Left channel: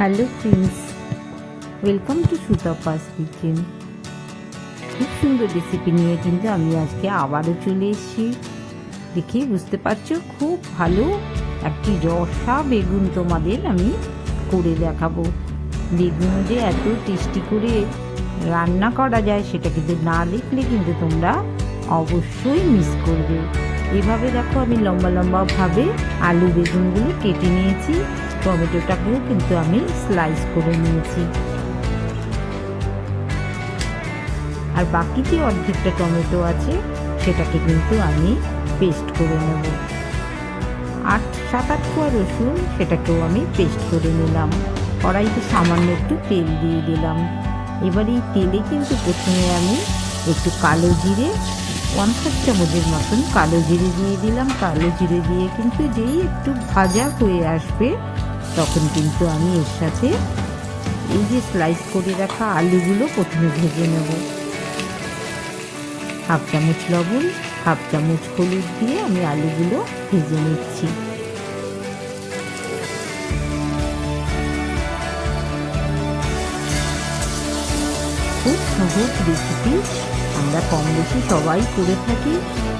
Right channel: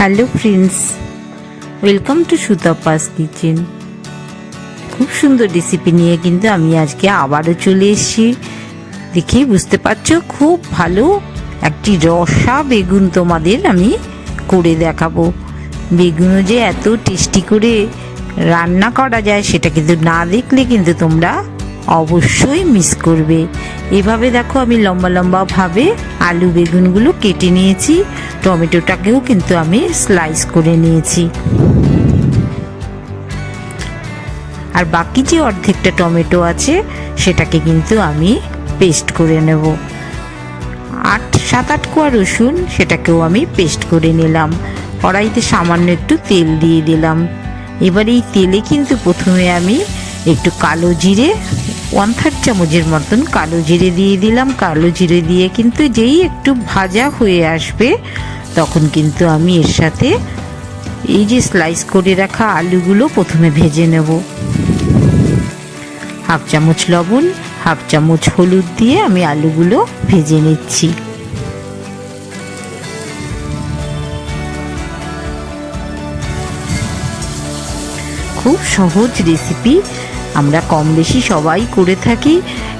Hello friends welcome to Sutapa's kitchen খুব সুন্দর recipe নিয়ে কিন্তু আমি আজকে আবারও চলে এসেছি। দেখেই বুঝতে পারছ, খুব ভালো একটি রসা বেগুন তোমাদের আমি করে দেখাবো। বেগুনও যে এত টেস্টি করে রান্না করা যায়, সেটা কিন্তু না দেখলে কিন্তু তোমরা অবশ্যই মিস করবে। এভাবে দেখো আমি লম্বা লম্বা ভাবে আলু বেগুনগুলো কেটে নিয়েছি। টমেটোটাকেও কিন্তু আমি স্লাইস করে নিয়েছি। আর বাকি যে অর্ধেকটা টমেটো আছে, সেটাকে কিন্তু আমি পেস্ট করে নেব। আট, সাত, আট কোয়া রসুন, সেটাকেও আমি পেস্ট করে নিলাম। কড়াইতে সামান্য একটু তেল দিয়ে দিলাম। এবার এই তেলে কিন্তু প্রথমে আমি একটু কালো জিরে ওয়ান থার্ড চামচের মতন কালো জিরে দিয়ে দিলাম। কালো জিরে দিয়ে কিন্তু যেই একটু ভাজা হয়ে আসবে তখন কিন্তু আমি এর সাথে এই যে স্লাইস করে রাখা আলুগুলো প্রথমে ভেজে নেব। হাফ চামচ লবণ, হাফ চামচ হলুদ দিয়ে আমি আলুগুলো ভেজে নিচ্ছি। খুব সহজ রেসিপি আমরা কম বেশি সবাই করে থাকি,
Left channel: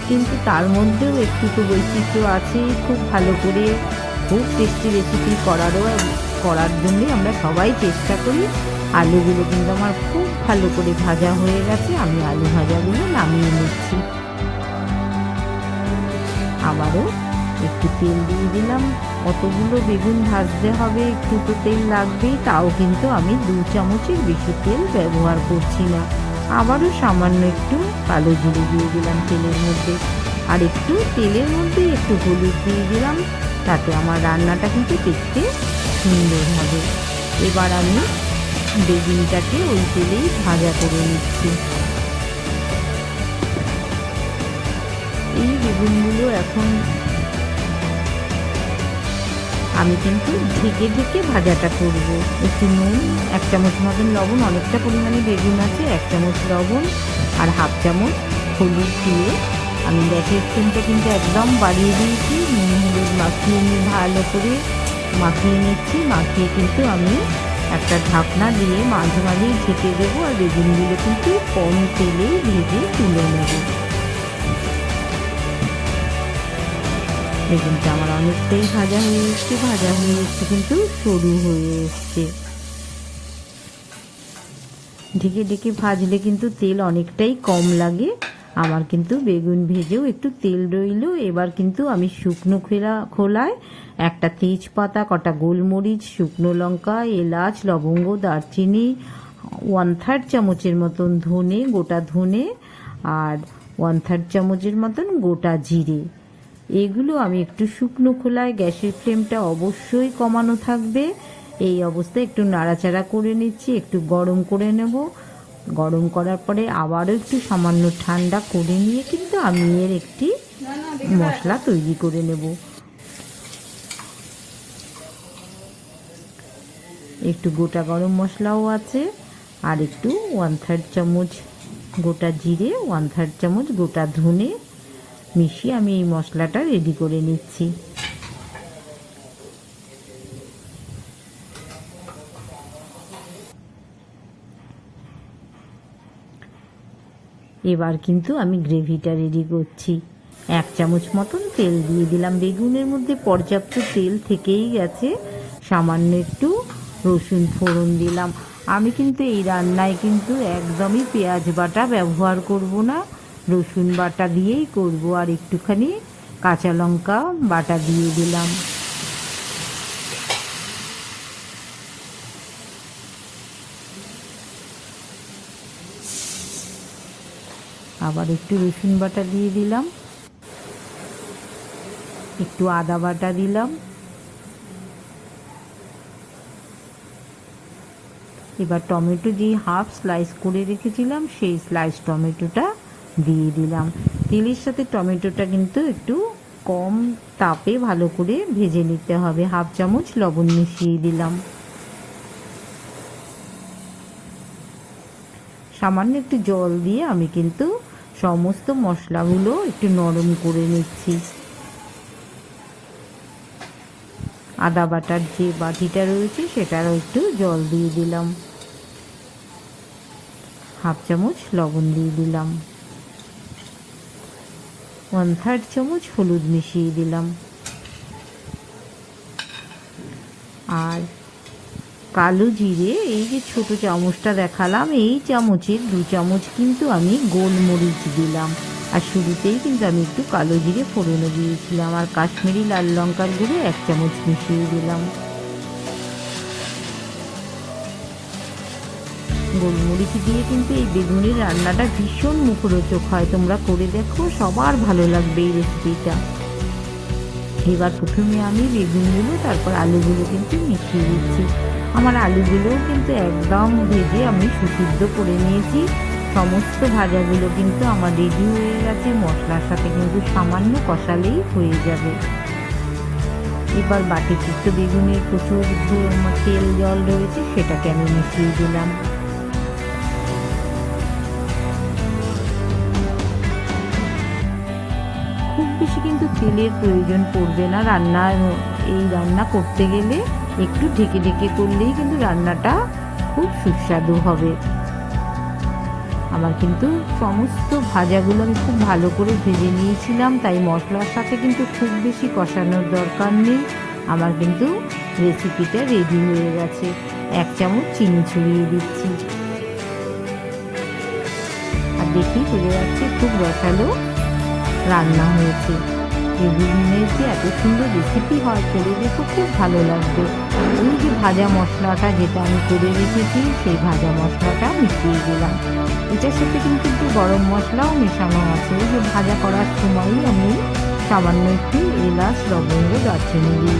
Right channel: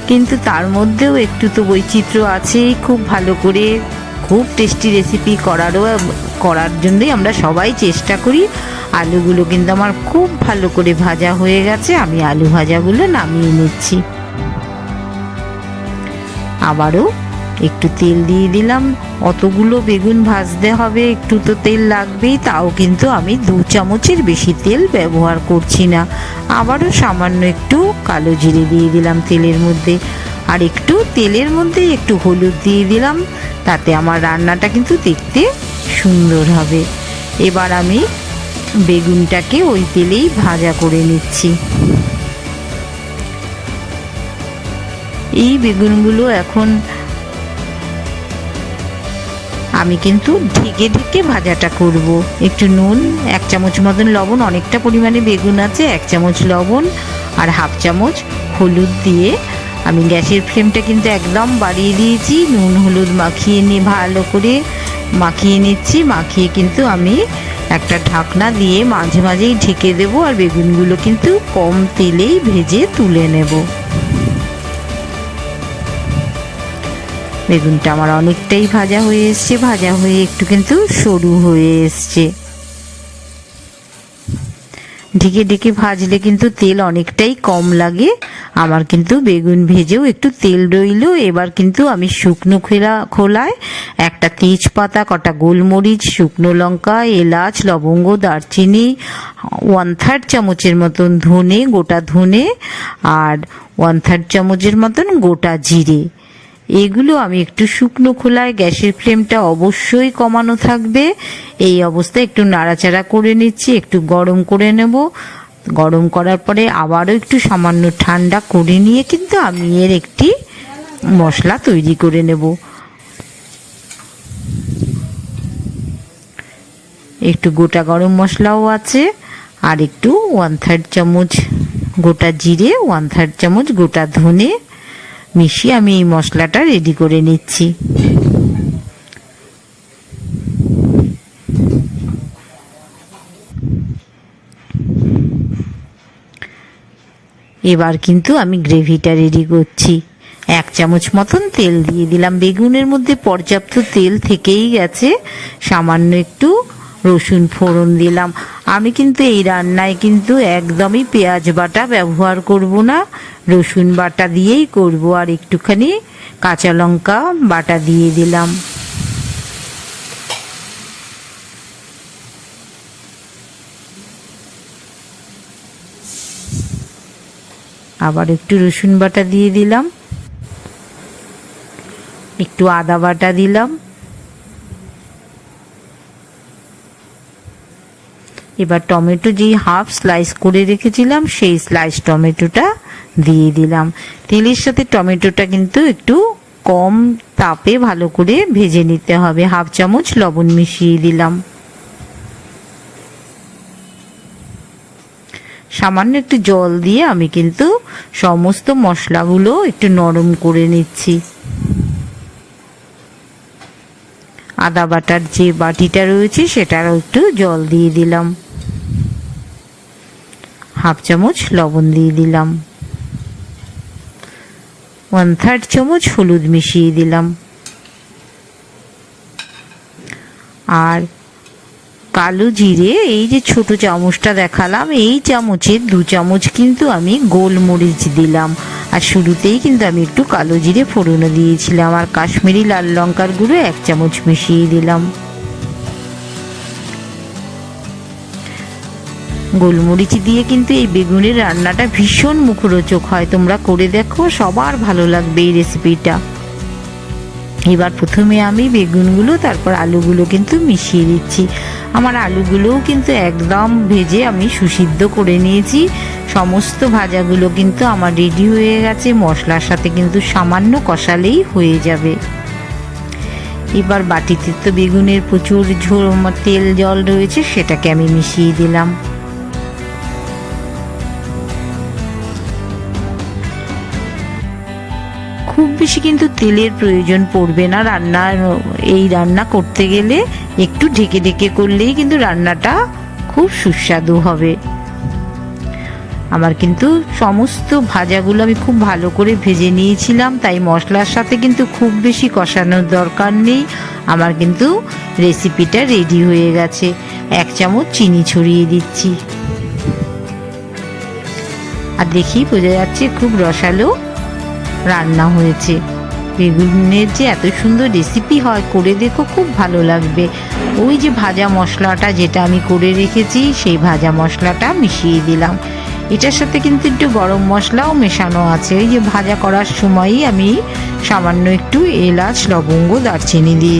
কিন্তু তার মধ্যেও একটু তো বৈচিত্র্য আছেই খুব ভালো করে। খুব টেস্টি রেসিপি করারও, করার জন্যই আমরা সবাই চেষ্টা করি। আলুগুলো কিন্তু আমার খুব ভালো করে ভাজা হয়ে গেছে, আমি আলু ভাজাগুলো নামিয়ে নিচ্ছি। আবারও একটু তেল দিয়ে দিলাম। অতগুলো বেগুন ভাজতে হবে, একটু তো তেল লাগবেই, তাও কিন্তু আমি দু চামচের বেশি তেল ব্যবহার করছি না। আবারও সামান্য একটু কালো জিরে দিয়ে দিলাম তেলের মধ্যে। আর একটু তেলের মধ্যে একটু হলুদ দিয়ে দিলাম। তাতে আমার রান্নাটা কিন্তু দেখতে সুন্দর হবে। এবার আমি বেগুনটাকে ওই তেলেই ভাজা করে নিচ্ছি। এই বেগুনগুলো এখন আমি কিন্তু ঢেকে ঢেকে ভাজাটা করব। একটু নুন, এক চামচ মতন লবণ, অনেকটা পরিমাণে বেগুন আছে, এক চামচ লবণ আর হাফ চামচ হলুদ দিয়ে আমি গ্যাসের ফ্লেমটা কিন্তু একদম বাড়িয়ে দিয়েছি। নুন, হলুদ মাখিয়ে নিয়ে ভালো করে মাখিয়ে নিচ্ছি। মাখিয়ে কিন্তু আমি একটা ঢাকনা দিয়ে মাঝে মাঝেই ঢেকে দেবো আর বেগুনগুলো কিন্তু কম তেলেই ভেজে তুলে নেব। বেগুনটা আমার অনেকটাই ভাজা হয়ে এসছে। ভাজা হয়ে একটু কিন্তু সরু হয়ে এসছে। ঢেকে ঢেকে ভাজলে কিন্তু তেল অনেকটাই কম লাগে। আমার কিন্তু বেগুন ভেজেও একটু তেল রইল। এবার কিন্তু আমি শুকনো খোলা, খোলায় একটা তেজপাতা, কটা গোলমরিচ, শুকনো লঙ্কা, এলাচ, লবঙ্গ, দারচিনি ওয়ান থার্ড চামচের মতন ধনে, গোটা ধনে, আর ওয়ান থার্ড চামচের মতন গোটা জিরে। এগুলো আমি একটু শুকনো খোলায়, গ্যাসের ফ্লেমটা অবশ্যই কমানো থাকবে। এই অবস্থায় একটু নাড়াচাড়া করে নিচ্ছি, একটু গরম করে নেব। গরম করার পরে আবারও একটু সামান্য ঠান্ডা করে নিয়ে কিন্তু আমি এর একটি মশলা তৈরি করে নেব। একটু গোটা গরম মশলাও আছে আর একটু ওয়ান থার্ড চামচ গোটা জিরে ওয়ান থার্ড চামচ গোটা ধনে মিশিয়ে আমি এই মশলাটা রেডি করে নিচ্ছি। এবার কিন্তু আমি গ্রেভিটা রেডি করছি। এক চামচ মতন তেল দিয়ে দিলাম। বেগুনের মধ্যে পর্যাপ্ত তেল থেকেই গেছে। সামান্য একটু রসুন ফোড়ন দিলাম। আমি কিন্তু এই রান্নায় কিন্তু একদমই পেঁয়াজ বাটা ব্যবহার করব না। রসুন বাটা দিয়েই করব। আর একটুখানি কাঁচা লঙ্কা বাটা দিয়ে দিলাম। আবার একটু রসুন বাটা দিয়ে দিলাম। একটু আদা বাটা দিলাম। এবার টমেটো যেই হাফ স্লাইস করে রেখেছিলাম, সেই স্লাইস টমেটোটা দিয়ে দিলাম। তেলের সাথে টমেটোটা কিন্তু একটু কম তাপে ভালো করে ভেজে নিতে হবে। হাফ চামচ লবণ মিশিয়ে দিলাম। সামান্য একটু জল দিয়ে আমি কিন্তু সমস্ত মশলাগুলো একটু নরম করে নিচ্ছি। আদা বাটার যে বাটিটা রয়েছে সেটারও একটু জল দিয়ে দিলাম। হাফ চামচ লবণ দিয়ে দিলাম। ওয়ান থার্ড চামচ হলুদ মিশিয়ে দিলাম। আর কালো জিরে, এই যে ছোট চামচটা দেখালাম, এই চামচের দু চামচ কিন্তু আমি গোলমরিচ দিলাম। আর শুরুতেই কিন্তু আমি একটু কালো জিরে ফোড়নো দিয়েছিলাম, আর কাশ্মীরি লাল লঙ্কার গুঁড়ো এক চামচ মিশিয়ে দিলাম। গোলমরিচ দিয়ে কিন্তু এই বেগুনের রান্নাটা ভীষণ মুখরোচক হয়, তোমরা করে দেখো, সবার ভালো লাগবে এই রেসিপিটা। এবার প্রথমে আমি বেগুনগুলো, তারপর আলুগুলো কিন্তু মিশিয়ে দিচ্ছি। আমার আলুগুলোও কিন্তু একদম ভেজে আমি সুসিদ্ধ করে নিয়েছি। সমস্ত ভাজাগুলো কিন্তু আমার রেডি হয়ে গেছে। মশলার সাথে কিন্তু সামান্য কষালেই হয়ে যাবে। এবার বাটিতে তো বেগুনের প্রচুর ঝোল, তেল, জল রয়েছে, সেটাকে আমি মিশিয়ে দিলাম। খুব বেশি কিন্তু তেলের প্রয়োজন পড়বে না। রান্নার এই রান্না করতে গেলে একটু ঢেকে ঢেকে করলেই কিন্তু রান্নাটা খুব সুস্বাদু হবে। আমার কিন্তু সমস্ত ভাজাগুলো আমি খুব ভালো করে ভেজে নিয়েছিলাম, তাই মশলার সাথে কিন্তু খুব বেশি কষানোর দরকার নেই। আমার কিন্তু রেসিপিটা রেডি হয়ে গেছে। এক চামচ চিনি ছড়িয়ে দিচ্ছি। আর দেখি বোঝা যাচ্ছে খুব রসালো রান্না হয়েছে। বেগুনের যে এত সুন্দর রেসিপি হয়, করে দেখো খুব ভালো লাগবে। ওই যে ভাজা মশলাটা যেটা আমি করে রেখেছি, সেই ভাজা মশলাটা মিশিয়ে দিলাম। এটার সাথে কিন্তু একটু গরম মশলাও মেশানো আছে। ওই যে ভাজা করার সময়ই আমি সামান্য একটু এলাচ, লবঙ্গ, দারচিনি দিয়ে